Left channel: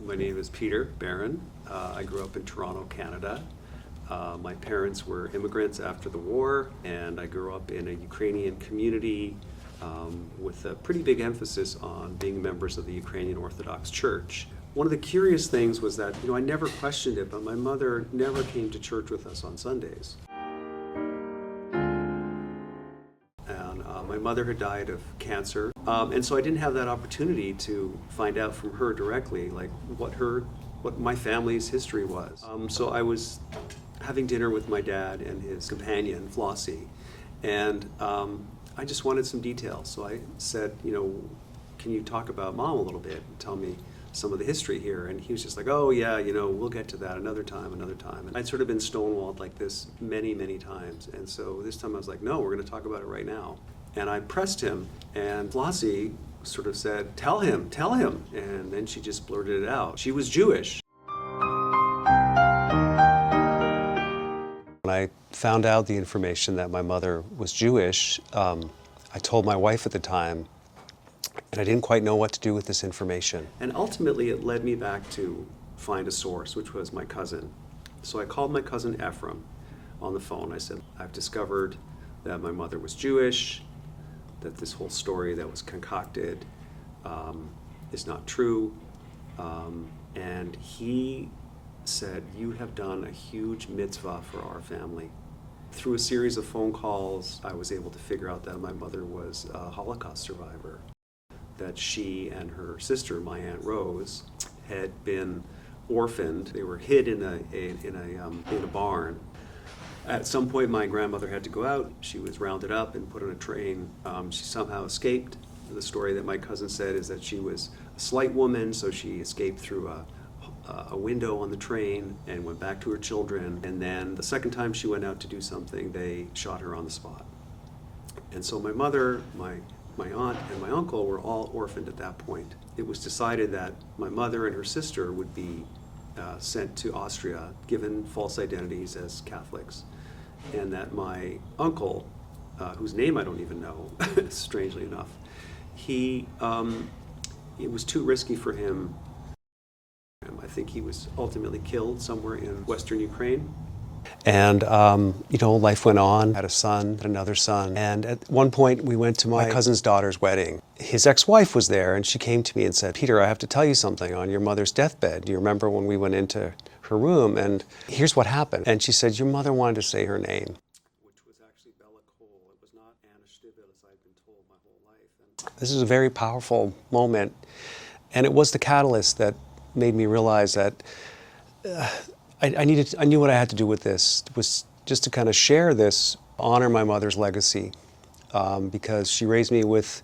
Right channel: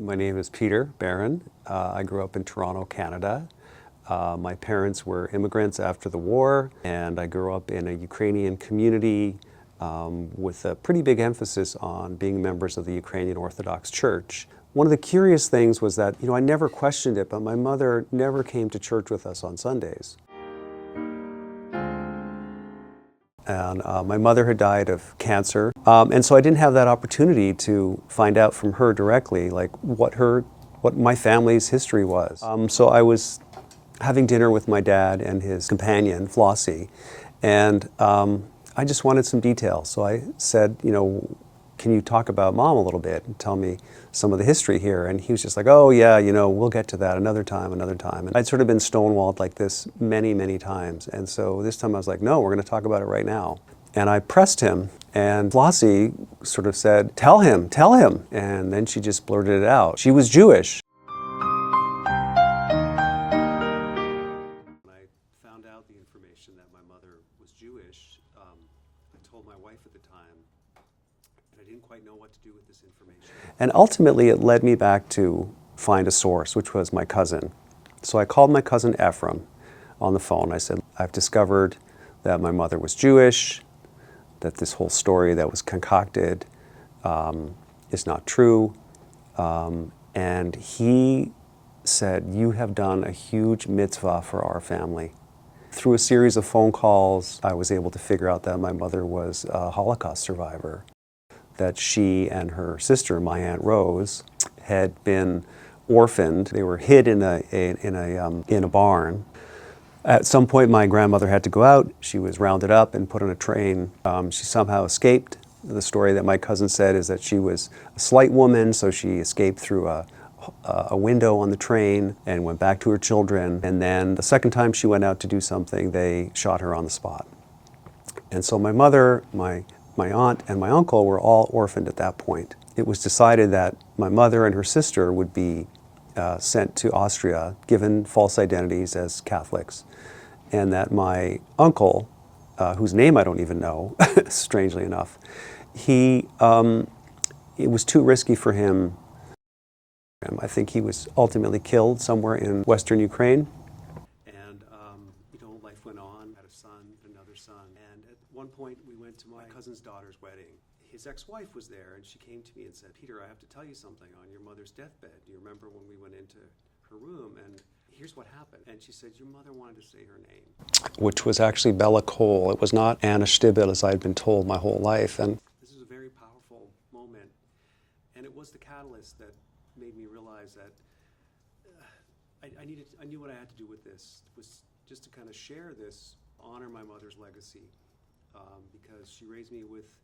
My name is Peter Barron. I grew up in Toronto, Canada. My parents were immigrants after the war, and I grew up in a Ukrainian community with a pretty big emphasis on being members of the Ukrainian Orthodox Church. One of the curious things was that, I never questioned it, but my mother never came to church with us on Sundays. And my mother had died of cancer, and so I didn't have that opportunity to find out from her directly, like what my family's history was. So I was having dinner with my dad and his companion, Flossie, and I just wanted some details. So I said, can you talk about Mom a little bit and tell me some of the history here? And he was just like, oh yeah, we'll get to that another time. And I'd sort of been stonewalled like this many, many times. And so this time I was like, no, we're going to talk about it right now. And I pressed him, and Flossie sort of said, tell him. And then she just blurted it out. She was Jewish. When I found out the information that my mother was Jewish, I told my wife at the time, and I didn't quite know what to do with this information. And ultimately it led me back to find a source, which was my cousin. So I called my cousin Ephraim on the phone. I said, I've discovered that my mother was Jewish, that this whole story that was concocted is not true. And he said, you have done a huge mitzvah for our family. Through a series of phone calls, I was able to figure out that my mother was a Holocaust survivor, that she and her sister, my Aunt Rose, had been orphaned. They were hid in a barn. At some point, my grandmother had to go out. She was rounded up and put on a train. She somehow escaped. The story that my cousin said is that she was a slight woman, so she escaped through a window on the train and went back to her children. And then the second time she went out to do something, they shot her on the spot. And so my mother, my aunt, and my uncle were all orphaned at that point. It was decided that my mother and her sister would be sent to Austria, given false identities as Catholics, and that my uncle, whose name I don't even know, strangely enough, it was too risky for him. I think he was ultimately killed somewhere in Western Ukraine. And, life went on. I had a son, another son. And at one point, we went to my cousin's daughter's wedding. His ex-wife was there, and she came to me and said, Peter, I have to tell you something on your mother's deathbed. Do you remember when we went into her room? And here's what happened. And she said, your mother wanted to say her name, which was actually Bella Cole. It was not Anna Stibel, as I'd been told my whole life. And this is a very powerful moment. And it was the catalyst that made me realize that I knew what I had to do with this, was just to kind of share this, honor my mother's legacy, because she raised me with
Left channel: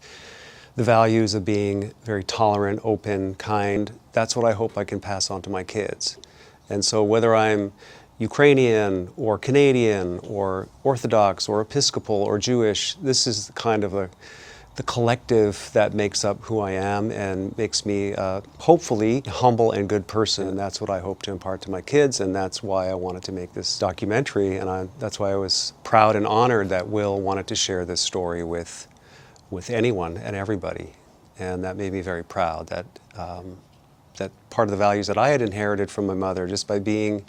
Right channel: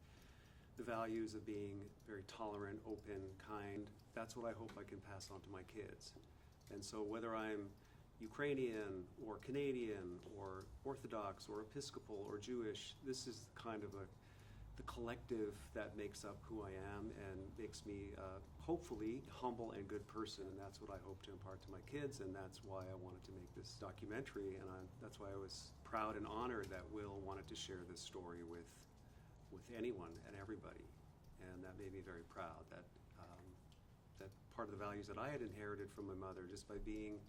the values of being very tolerant, open, kind. That's what I hope I can pass on to my kids. And so whether I'm Ukrainian or Canadian or Orthodox or Episcopal or Jewish, this is kind of the collective that makes up who I am and makes me hopefully a humble and good person. And that's what I hope to impart to my kids, and that's why I wanted to make this documentary. And that's why I was proud and honored that Will wanted to share this story with anyone and everybody. And that made me very proud that that part of the values that I had inherited from my mother just by being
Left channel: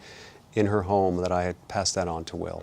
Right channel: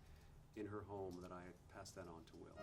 in her home, that I had passed that on to Will.